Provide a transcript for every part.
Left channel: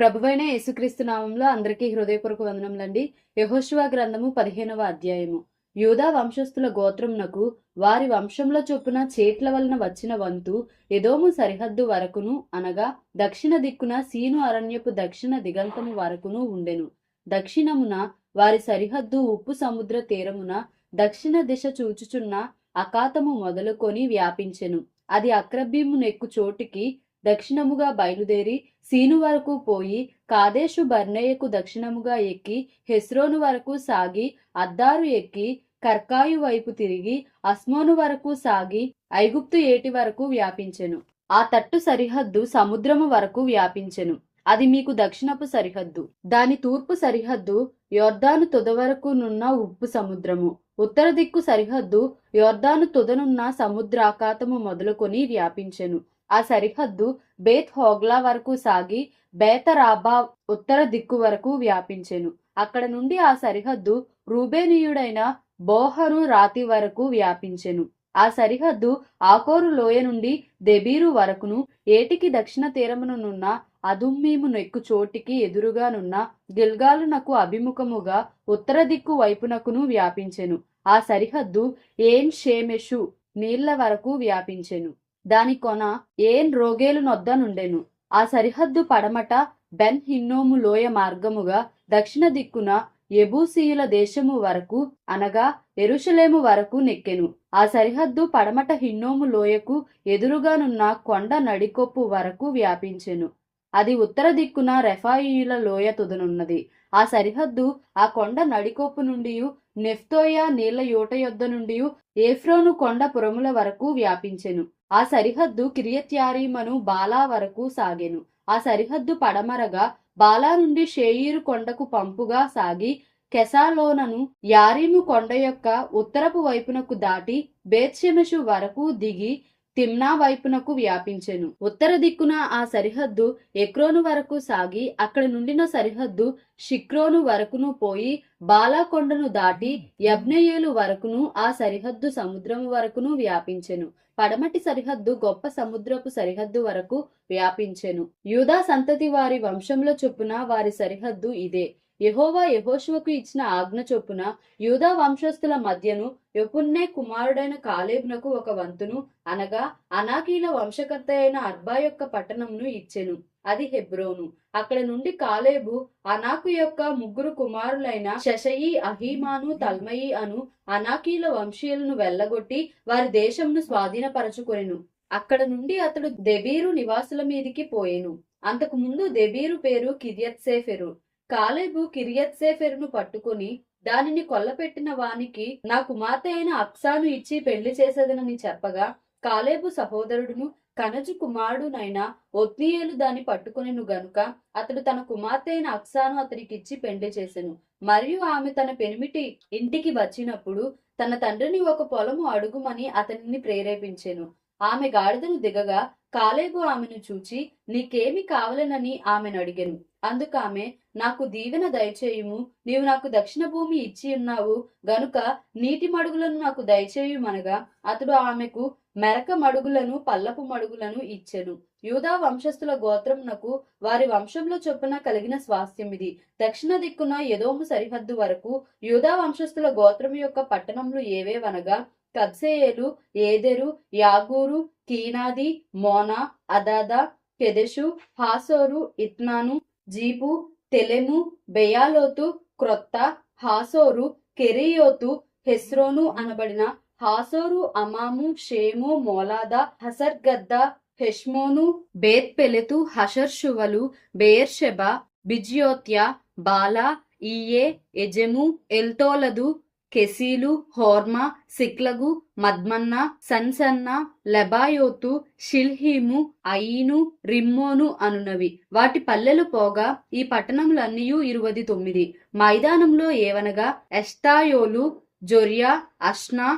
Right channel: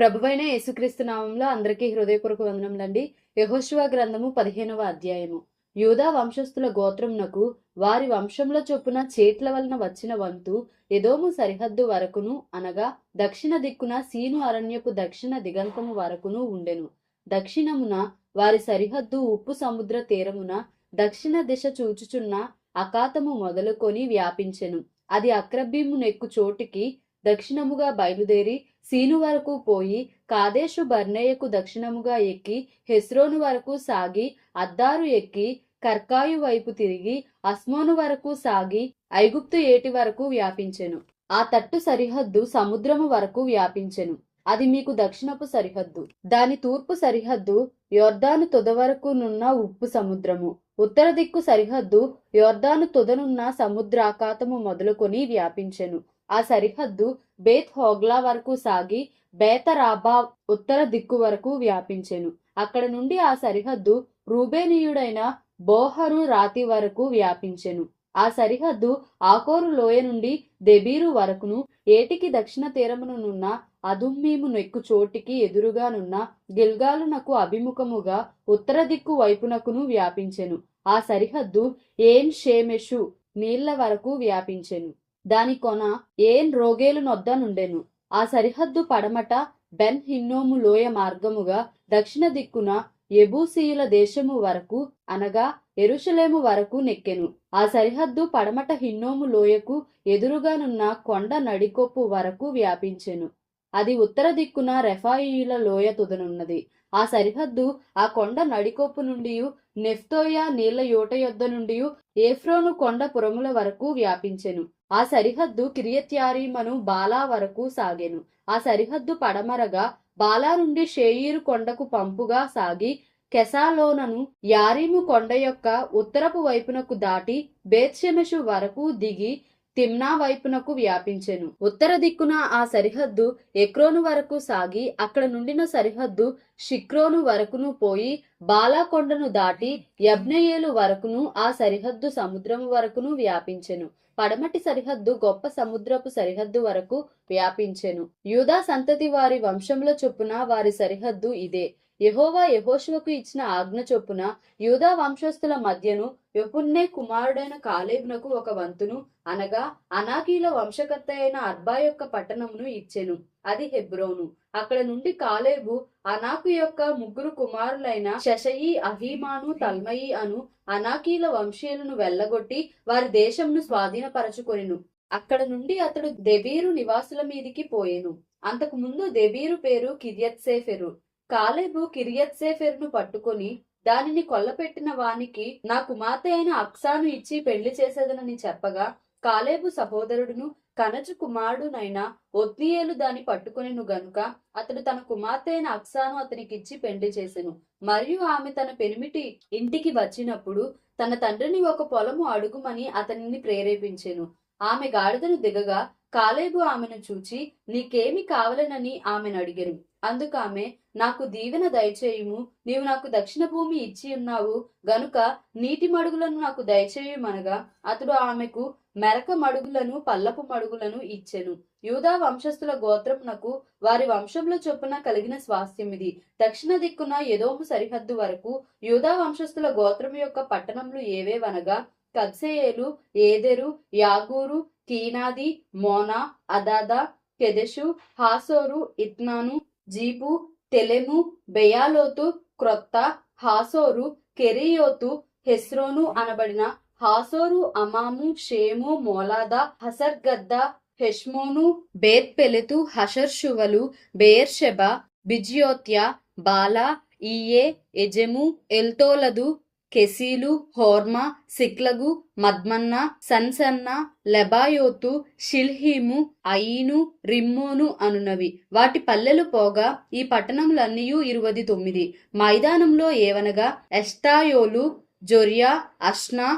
ప్రభువైన యేసుక్రీస్తు నామంలో అందరికీ హృదయపూర్వక వందనములండి. యెహోషువ గ్రంథము 15వ అధ్యాయము. యూదా వంశస్థుల గోత్రమునకు వారి వంశంలో చొప్పున చేట్ల వలన వచ్చిన వంతు ఎదోము సరిహద్దు వరకును, అనగా దక్షిణ దిక్కున సీను అరణ్యపు దక్షిణ దిగంతము వరకును ఉండెను. దక్షిణమున వారి సరిహద్దు ఉప్పు సముద్ర తీరమున దక్షిణ దిశ చూచుచున్న అకాతము మొదలుకొని వ్యాపించెను. అది అక్రబ్బీము నెక్కు చోటికి దక్షిణముగా బయలుదేరి సీను వరకు పోయి కాదేశు బర్నేయకు దక్షిణముగా ఎక్కి హెస్రోను వరకు సాగి అద్దారు ఎక్కి కర్కాయు వైపు తిరిగి అస్మోను వరకు సాగి ఐగుప్తు ఏటి వరకు వ్యాపించెను. ఆ తట్టు సరిహద్దు సముద్రము వరకు వ్యాపించెను. అది మీకు దక్షిణపు సరిహద్దు. దాని తూర్పు సరిహద్దు యొర్దాను తొద వరకు నున్న ఉప్పు సముద్రము. ఉత్తర దిక్కు సరిహద్దు యొర్దాను తొదనున్న సముద్రాకాతము మొదలుకొని వ్యాపించెను. ఆ సరిహద్దు బేత్ హోగ్లా వరకు సాగి బేతరాబా ఉత్తర దిక్కు వరకు వ్యాపించెను. అక్కడ నుండి ఆ సరిహద్దు రూబేనీయుడైన బోహరు రాతి వరకు వ్యాపించెను. ఆ సరిహద్దు ఆకోరు లోయ నుండి దెబీరు వరకును, ఏటికి దక్షిణ తీరమునున్న అదుమ్మీము నెక్కు చోటికి ఎదురుగానున్న గిల్గాలునకు అభిముఖముగా ఉత్తర దిక్కు వైపునకును వ్యాపించెను. ఆ సరిహద్దు ఏన్ షేమెషు నీళ్ల వరకు వ్యాపించెను. దాని కొన ఏన్ రోగేలు నొద్ద నుండెను. ఆ సరిహద్దు పడమట బెన్ హిన్నోము లోయ మార్గముగా దక్షిణ దిక్కున యెబూసీయుల దేశము వరకు, అనగా యెరూషలేము వరకు నెక్కెను. ఆ సరిహద్దు పడమట హిన్నోము లోయకు ఎదురుగానున్న కొండ నడికొప్పు వరకు వ్యాపించెను. అది ఉత్తర దిక్కున రెఫాయియుల లోయ తుదనున్నది. ఆ సరిహద్దు ఆ కొండ నడికొప్పు నుండి నెఫ్తోయ నీళ్ల యోట యొద్ద నుండి ఏఫ్రోను కొండ పురముల వరకు వ్యాపించెను. ఆ సరిహద్దు కిరియత్యారీమను బాలా వరకు సాగెను. ఆ సరిహద్దు పడమరగా బాలా నుండి షేయీరు కొండకు పంపుగా సాగి కెసాలోనను యారీము కొండ యొక్క ఉత్తరపు వైపునకు దాటి బేత్షెమెషు వరకు దిగి తిమ్నా వైపునకు వ్యాపించెను. ఉత్తర దిక్కున ఆ సరిహద్దు ఎక్రోను వరకు సాగి అక్కడ నుండిన సరిహద్దు షిక్రోను వరకును పోయి బాలా కొండను దాటి యబ్నెయేలు వరకును ఆ సరిహద్దు సముద్రము వరకును వ్యాపించెను. పడమటి సరిహద్దు గొప్ప సముద్రపు సరిహద్దు వరకు వ్యాపించెను. యూదా సంతతి వారి వంశంలో చొప్పున వారి సరిహద్దు ఇదే. యెహోవా యెహోషువకు ఇచ్చిన ఆజ్ఞ చొప్పున యూదా వంశస్థుల మధ్యను యెఫున్నె కుమారుడైన కాలేబునకు ఒక వంతును, అనగా అనాకీల వంశకర్త అయిన అర్బా యొక్క పట్టణమును ఇచ్చెను. అది హెబ్రోను. అక్కడ నుండి కాలేబు అనాకు యొక్క ముగ్గురు కుమారులైన షషయి, అహీమాను, తల్మయి అను అనాకీల వంశీయులను వెళ్ళగొట్టి వారి దేశమును స్వాధీనపరచుకొనెను. అక్కడ నుండి అతడు దెబీరు నివాసుల మీదికి పోయెను. అంతకు ముందు దెబీరు పేరు కిర్యత్సేఫెరు. కాలేబు కిర్యత్సేఫెరును పట్టుకొని దానిని కొల్లపెట్టిన వానికి నా కుమార్తె అయిన అక్సాను ఇచ్చి పెళ్లి చేసేదనని చెప్పగా, కాలేబు సహోదరుడును కనజు కుమారుడునైన ఒత్నీయేలు దాన్ని పట్టుకొనెను గనుక అతడు తన కుమార్తె అయిన అక్సాను అతనికిచ్చి పెళ్లి చేసెను. మరియు ఆమె తన పెనిమిటి ఇంటికి వచ్చినప్పుడు తన తండ్రిని ఒక పొలము అడుగుమని అతనిని ప్రేరేపించెను. ఆమె గాడిదను దిగగా కాలేబు ఆమెను చూచి నీకేమి కావలెనని ఆమెను అడిగెను. అందుకామె నాకు దీవెన దయచేయుము, నీవు నాకు దక్షిణ భూమి ఇచ్చి ఉన్నావు గనుక నీటి మడుగులను నాకు దయచేయుమనగా అతడు ఆమెకు మెరక మడుగులను పల్లపు మడుగులను ఇచ్చెను. యూదా వంశస్థుల గోత్రమునకు వారి వంశంలో చొప్పున కలిగిన స్వాస్థ్యం ఇది. దక్షిణ దిక్కున ఎదోము సరిహద్దు వరకు యూదా వంశస్థుల గోత్రం యొక్క పట్టణములు ఏవేవనగా కబ్సెయేలు, ఏదెరు, యాగూరు, కీనాది, మోనా, అదాదా, కెదెషు, హాసోరు, ఇత్నాను, జీపు, తెలెము, బెయాలోతు, క్రొత్త, హాసోరు, కెరీయోతు, హెస్రోను అనబడిన హాసోరు, అమాము, షేము, మోలాదా, హసర్గద్ద, హెష్మోను, బేత్ పెలెతు, హషర్షువలు, బెయేర్షెబా, బిజ్యోత్య, బాలా, ఈయే, ఎజెము, ఎల్తోలదు, కెసీలు, హోర్మా, సిక్లగు, మద్మన్న, సన్సన్న, లెబాయోతు, షిల్హీము, అయీను, రిమ్మోను అనునవి. వాటి పల్లెలు పోగా ఈ పట్టణములన్నీయు 29. మైదానంలో ఏవనగా ఎష్టాయోలు, జొరియా, అష్నా,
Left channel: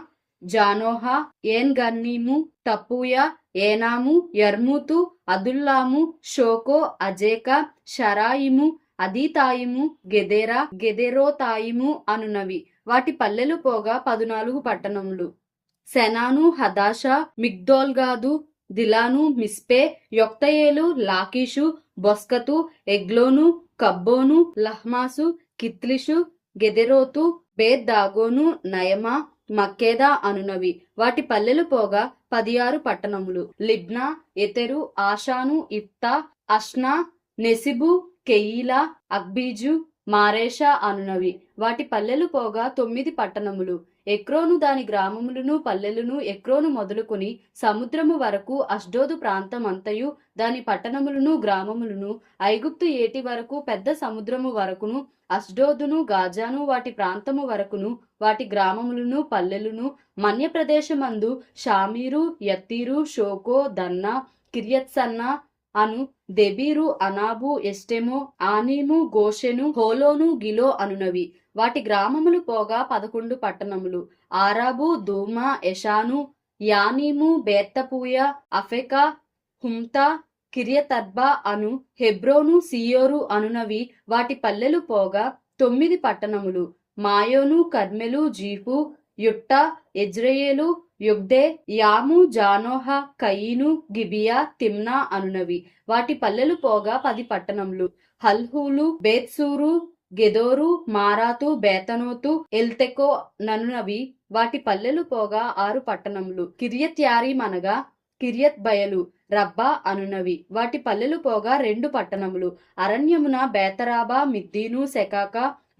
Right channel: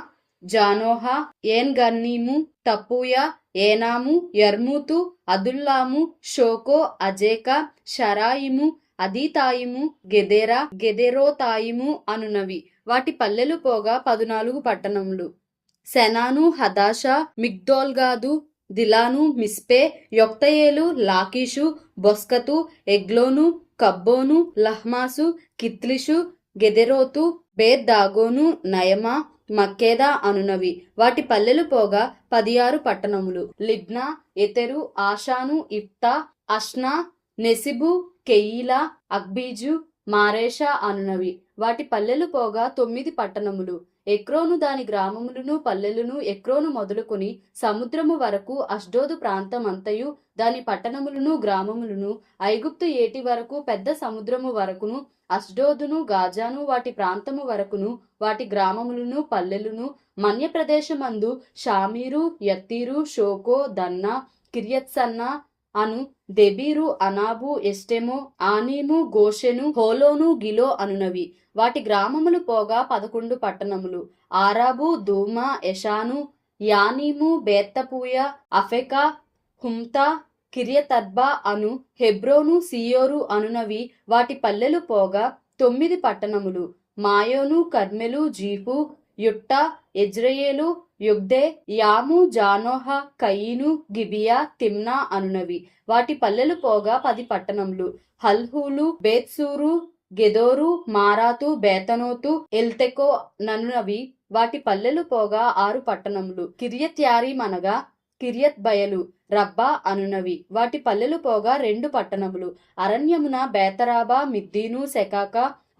జానోహా, ఏన్ గన్నీము, తపూయా, ఏనాము, యర్మూతు, అదుల్లాము, షోకో, అజేకా, షరాయిము, అదీతాయిము, గెదెరా, గెదెరోతాయిము అనునవి. వాటి పల్లెలు పోగా 14 పట్టణములు. సెనాను, హదాషా, మిగ్దోల్గాదు, దిలాను, మిస్పే, యొక్తయేలు, లాకీషు, బొస్కతు, ఎగ్లోను, కబ్బోను, లహ్మాసు, కిత్లిషు, గెదెరోతు, బేత్ దాగోను, నయమా, మక్కేదా అనునవి. వాటి పల్లెలు పోగా 16 పట్టణములు. లిబ్నా, Ether, Ashan, Ifta, Ashna, నెసిబు, కెయీలా, అక్బీజు, Mareshah అనునవి. వాటి పల్లెలు పోగా 9 పట్టణములు. ఎక్రోను దాని గ్రామములను పల్లెలను, ఎక్రోను మొదలుకొని సముద్రము వరకు, అష్డోదు ప్రాంతం అంతయు దాని పట్టణములను గ్రామములను, ఐగుప్తు ఏటి వరకు పెద్ద సముద్రము వరకును, అష్డోదును గాజాను వాటి ప్రాంతము వరకును, వాటి గ్రామములను పల్లెలను, మన్య ప్రదేశమందు షామీరు, యత్తీరు, షోకో, దన్నా, కిర్యత్సన్నా అను, దెబీరు, అనాబు, ఎస్టెమో, ఆనీము, గోషెను, హోలోను, గిలో అనునవి. వాటి గ్రామములు పోగా 11 పట్టణములు. ఆరాబు, దూమా, ఎషాను, యానీము, బేత్తపూయ, అఫెకా, హుమ్తా, కిర్యతర్బా అను, హెబ్రోను, సియోరు అనునవి. వాటి పల్లెలు పోగా 9 పట్టణములు. మాయోను, కర్మెలు, జీఫు, యుట్టా, ఎజ్రెయేలు, యుగ్దే, యాము, జానోహ, కయీను, గిబియా, తిమ్నా అనునవి. వాటి పల్లెలు పోగా 10 పట్టణములు. హల్హూలు, బేత్సూరు, గెదోరు, మారాతు, బేతనోతు, ఎల్తెకో ననునవి. వాటి పల్లెలు పోగా 6 పట్టణములు. కిర్యత్యారీం అనగా కిర్యత్ బయలు, రబ్బా అనునవి. వాటి పల్లెలు పోగా 2 పట్టణములు. అరణ్యమున బేతరాబా, మిద్దీను, సెకాక,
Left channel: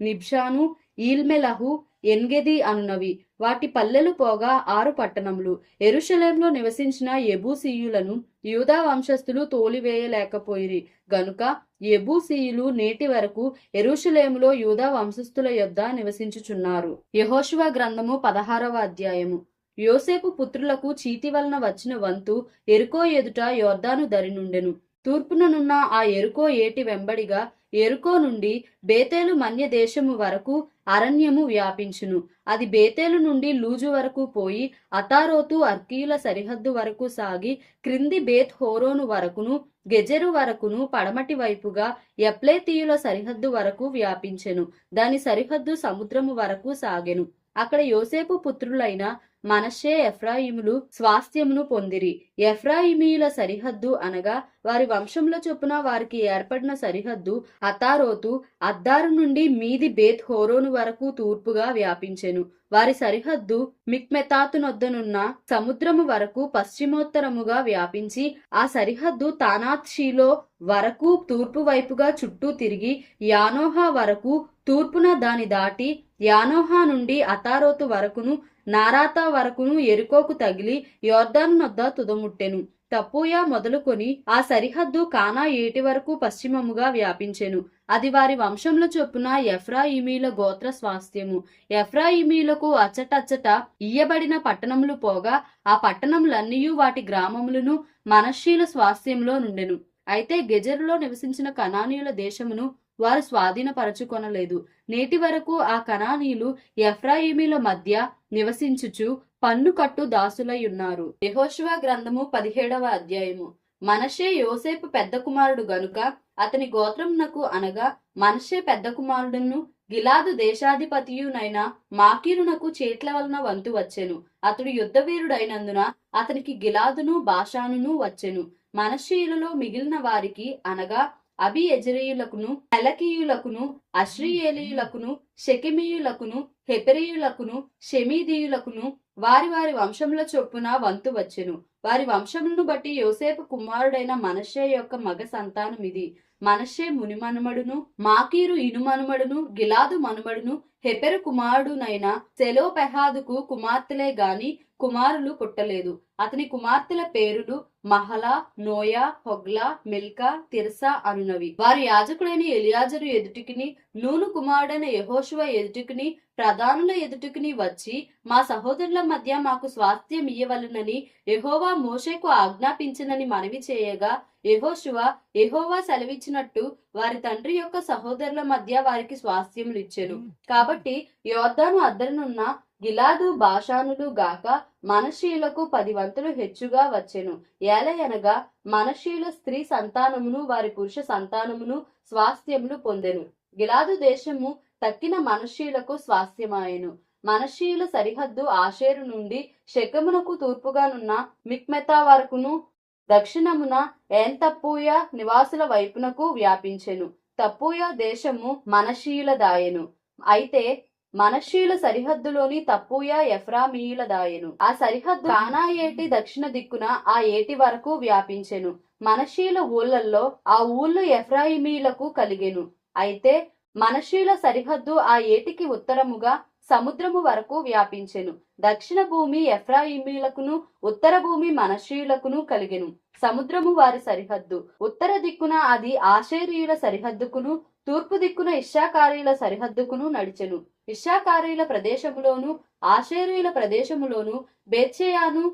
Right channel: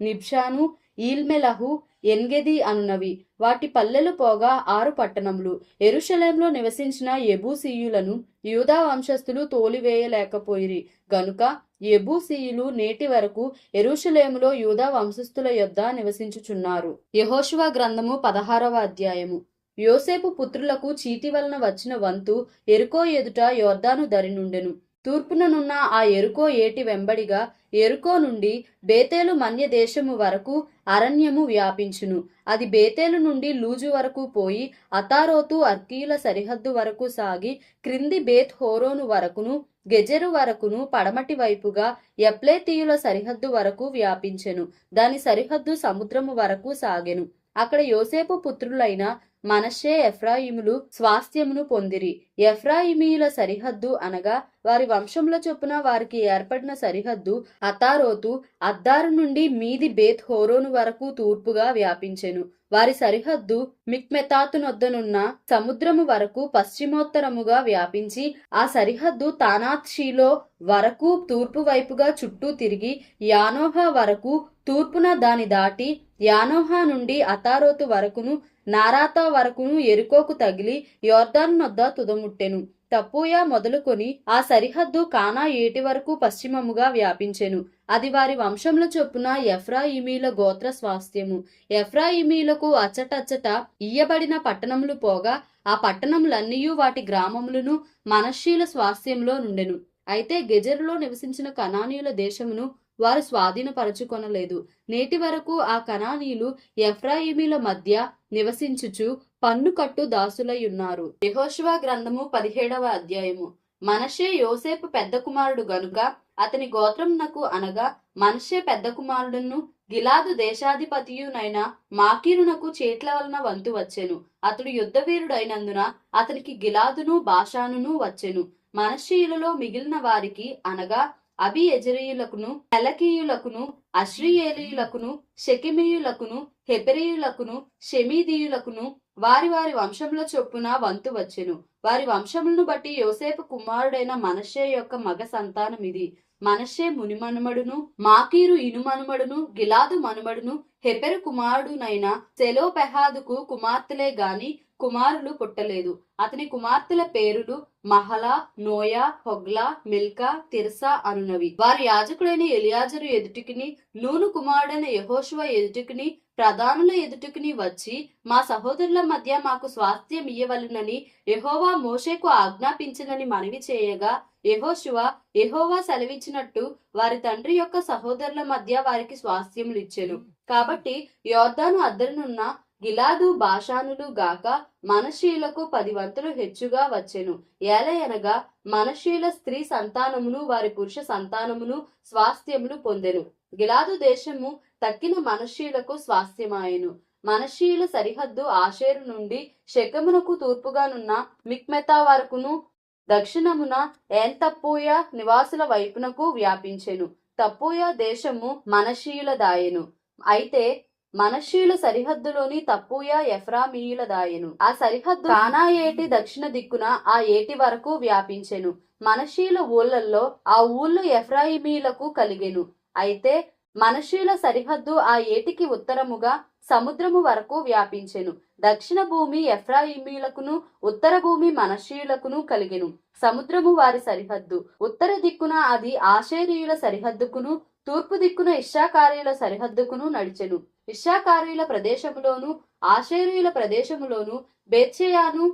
నిబ్షాను, ఈల్మెలహు, ఎన్గెది అనునవి. వాటి పల్లెలు పోగా 6 పట్టణములు. యెరూషలేములో నివసించిన యెబూసీయులను యూదా వంశస్థులు తోలివేయలేకపోయిరి గనుక యెబూసీయులు నేటి వరకు యెరూషలేములో యూదా వంశస్థుల యొద్ద నివసించుచున్నారు. యెహోషువ గ్రంథము 16వ అధ్యాయము. యోసేపు పుత్రులకు చీటి వలన వచ్చిన వంతు యెరికో ఎదుట యొర్దాను దరి నుండెను. తూర్పుననున్న ఆ యెరికో ఏటి వెంబడిగా యెరికో నుండి బేతేలు మన్య దేశము వరకు అరణ్యము వ్యాపించును. అది బేతేలు నుండి లూజు వరకు పోయి అతారోతు అర్కీయుల సరిహద్దు వరకు సాగి క్రింది బేత్ హోరోను వరకును, గెజెరు వరకును, పడమటి వైపుగా యప్లేతీయుల సరిహద్దు వరకు వ్యాపించెను. దాని సరిహద్దు సముద్రము వరకు సాగెను. అక్కడ యోసేపు పుత్రులైన మనష్షే, ఎఫ్రాయిములు స్వాస్థ్యమును పొందిరి. ఎఫ్రాయిమీయుల సరిహద్దు అనగా వారి వంశముల చొప్పున వారికి ఏర్పడిన సరిహద్దు అతారోతు అద్దారు నుండి మీది బేత్ హోరోను వరకు తూర్పుగా వ్యాపించెను. వారి సరిహద్దు మిక్మెతాతునొద్దనున్న సముద్రము వరకు పశ్చిమోత్తరముగా వ్యాపించి ఆ సరిహద్దు తానాత్ షీలో వరకు తూర్పు వైపుగా చుట్టూ తిరిగి యానోహా వరకు తూర్పున దాని దాటి యానోహా నుండి అతారోతు వరకును, నారాతా వరకును యెరికోకు తగిలి యొర్దాను నొద్ద తుదముట్టెను. తప్పూయ మొదలుకొని ఆ సరిహద్దు కానా ఏటి వరకు పశ్చిమముగా వ్యాపించెను. అది వారి వంశముల చొప్పున ఎఫ్రాయిమీల గోత్ర స్వాస్థ్యము. ఎఫ్రాయిమీలకు అచ్చటచ్చట ఇయ్యబడిన పట్టణములు పోగా ఆ పట్టణములన్నీయు వాటి గ్రామములను మనష్షీల స్వాస్థ్యంలో నుండెను. అయితే గెజెరులో నివసించిన కనానీయుల దేశమును వారు స్వాధీనపరచుకొనలేదు. నేటి వరకు ఆ కనానీయులు ఎఫ్రాయిమీల మధ్య నివసించుచు పన్ను కట్టు దాసులై ఉన్నారు. యెహోషువ గ్రంథము 17వ అధ్యాయము. మనష్షే యోసేపు పెద్ద కుమారుడు గనుక అతని గోత్రమునకు అనగా మనష్షే పెద్ద కుమారుడును గిలాదు దేశాధిపతియునైన మాకీరునకు చేట్ల వలన వంతు వచ్చెను. అతడు యుద్ధవీరుడైనందున అతనికి గిలాదును బాషానును వచ్చెను. మనష్షీయులలో మిగిలిన వారికి అనగా అబియెజెరీయులకును, హెలకీయులకును, అశ్రీయేలీయులకును, షెకెమీయులకును, హెపెరీయులకును, షెమీదీయులకును వారి వారి వంశముల చొప్పున వంతు వచ్చెను. వారి వంశములను బట్టి యోసేపు కుమారుడైన మనష్షే యొక్క మగ సంతానమిది. మనష్షే మునిమనుమడును, మాకీరు ఇనుమనుమడును, గిలాదు మనుమడును, హెపెరు కుమారుడునైన సెలోపెహాదుకు కుమార్తెలే గాని కుమారులు పుట్టలేదు. అతని కుమార్తెల పేరులు Mahlah, Noah, Hoglah, Milcah, Tirzah అనునవి. వారి యాజకుడైన ఎలియాజరు ఎదుటికిని, నూను కుమారుడైన యెహోషువ ఎదుటికిని, ప్రధానుల ఎదుటికిని వచ్చి మా సహోదరుల మధ్య మాకు స్వాస్థ్యం ఇయ్యవలెనని యెహోవా మోషేకు ఆజ్ఞాపించినని మనవి చేయగా యెహోషువ యెహోవా సెలవిచ్చినట్టు వారి తండ్రి యొక్క సహోదరుల మధ్య వారికి స్వాస్థ్యములు ఇచ్చెను. కాబట్టి యొర్దాను అద్దరునున్న గిలాదు బాషానులు గాక మనష్షీయులకు 10 వంతులు హెచ్చుగా వచ్చెను. ఏలయనగా మనష్షీయుల స్త్రీ సంతానమును వారి పురుష సంతానమును స్వాస్థ్యములు పొందెను. గిలాదు దేశము తక్కిన మనష్షీయులకు స్వాస్థ్యమాయెను. మనష్షీయుల సరిహద్దు ఆషేరు నుండి షెకెమునకు తూర్పుగానున్న మిక్మెతా వరకును, దక్షిణమున ఏన్ తప్పూయ నివాసుల వైపునకు వ్యాపించెను. తప్పూయ దేశము మనషీయులదాయెను. అయితే మనషీయుల సరిహద్దులోని తప్పూయ ఎఫ్రామీయులదాయెను. ఆ సరిహద్దు కానా ఏటి దక్షిణ దిక్కున ఆ ఏటి వరకు వ్యాపించెను. మనషీయుల ఊళ్ళల్లో ఆ ఊళ్ళు ఎఫ్రాయిమీలకు కలిగెను. అయితే మనషీయుల సరిహద్దు ఆ ఏటికి ఉత్తరముగా సముద్రము వరకు వ్యాపించెను. దక్షిణ భూమి ఎఫ్రాయిమీలకును ఉత్తర భూమి మనషీయులకును కలిగెను. సముద్రము వారి సరిహద్దు. ఉత్తర దిక్కున అది ఆషేరీయుల సరిహద్దుకును తూర్పు దిక్కున ఇశ్శాఖారీయుల సరిహద్దుకును నడిచెను. ఇశ్శాఖారీయుల ప్రదేశములోను ఆషేరీయుల ప్రదేశములోను బేత్షెయాను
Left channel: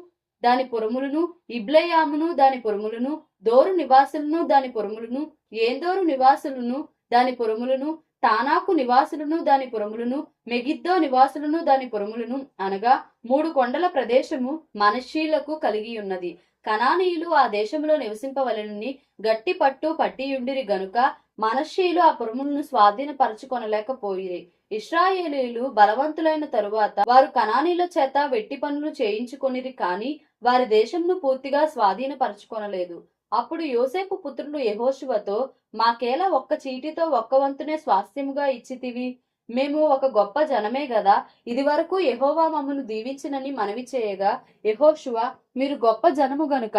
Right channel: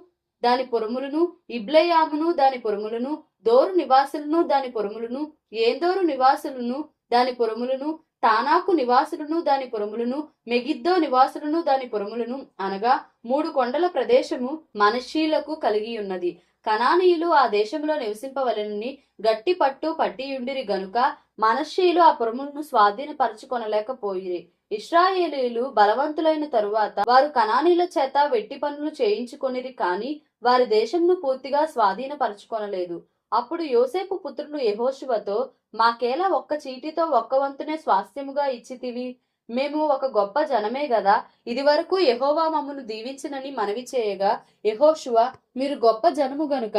దాని పురములను, ఇబ్లెయామును దాని పురములను, దోరు నివాసులను దాని పురములను, ఏందోరు నివాసులను దాని పురములను, తానాకు నివాసులను దాని పురములను, మెగిద్దో నివాసులను దాని పురములను అనగా 3 కొండల ప్రదేశము మనషీలకు కలిగి ఉన్నది. కనానీయులు ఆ దేశంలో నివసింపవలెనని గట్టి పట్టు పట్టియుండిరి గనుక మనషీయులు ఆ పురములను స్వాధీనపరచుకొనలేకపోయిరి. ఇశ్రాయేలీయులు బలవంతులైన తరువాత వారు కనానీయుల చేత వెట్టి పనులు చేయించుకొనిరి, కాని వారి దేశంను పూర్తిగా స్వాధీనపరచుకొనలేదు. అప్పుడు యోసేపు పుత్రులు యెహోషువతో, మాకేలా ఒక్క చీటితో ఒక్క వంతునే స్వాస్థ్యముగా ఇచ్చితివి? మేము ఒక గొప్ప జనమే గదా. ఇది వరకు యెహోవా మమ్మను దీవించినని మనవి చేయగా, యెహోషువ, మీరు గొప్ప జనము గనుక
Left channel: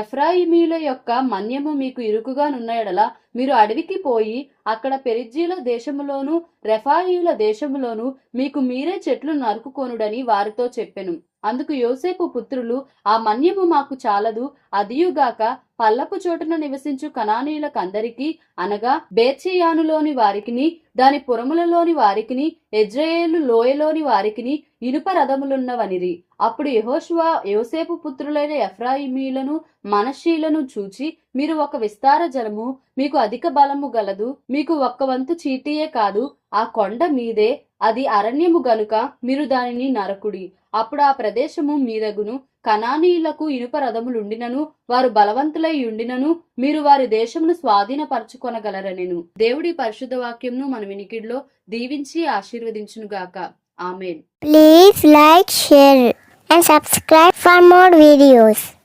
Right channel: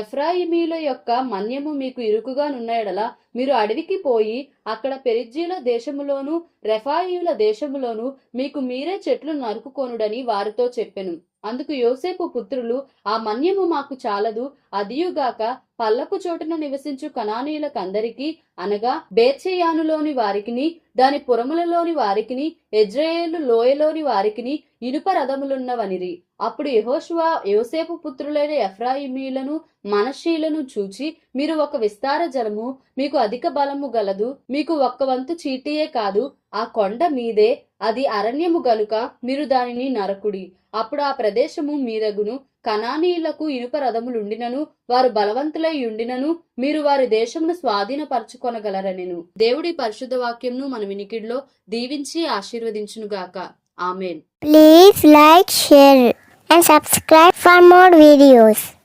ఎఫ్రాయిమీల యొక్క మన్యము మీకు ఇరుకుగా నున్న ఎడల మీరు అడవికి పోయి అక్కడ పెరిజ్జీల దేశములోను రెఫాయియుల దేశములోను మీకు మీరే చెట్లు నరుకుకొనుడని వారితో చెప్పెను. అందుకు యోసేపు పుత్రులు, ఆ మన్యము మాకు చాలదు, అదియుగాక పల్లపు చోటున నివసించు కనానీయులకందరికీ అనగా బేత్షెయానులోని వారికిని దాని పురములలోని వారికిని యెజ్రెయేలు లోయలోని వారికిని ఇనుప రథములున్నవనిరి. అప్పుడు యెహోషువ యోసేపు పుత్రులైన ఎఫ్రాయిమీలను మనషీలను చూచి, మీరు ఒక విస్తార జనము, మీకు అధిక బలము గలదు, మీకు ఒక్క వంతు చీటియే కాదు, ఆ కొండ మీదే, అది అరణ్యము గనుక మీరు దానిని నరకుడి. అప్పుడు ఆ ప్రదేశము మీదగును. కనానీయులకు ఇనుప రథములుండినను వారు బలవంతులై ఉండినను మీరు వారి దేశమును స్వాధీనపరచుకొనగలరనెను. దేవుడి పరిశుద్ధ వాక్యంను మన వినికిడిలో దీవించి ఆశీర్వదించునుగాక. ఆమేన్. Please like, share and subscribe for more videos.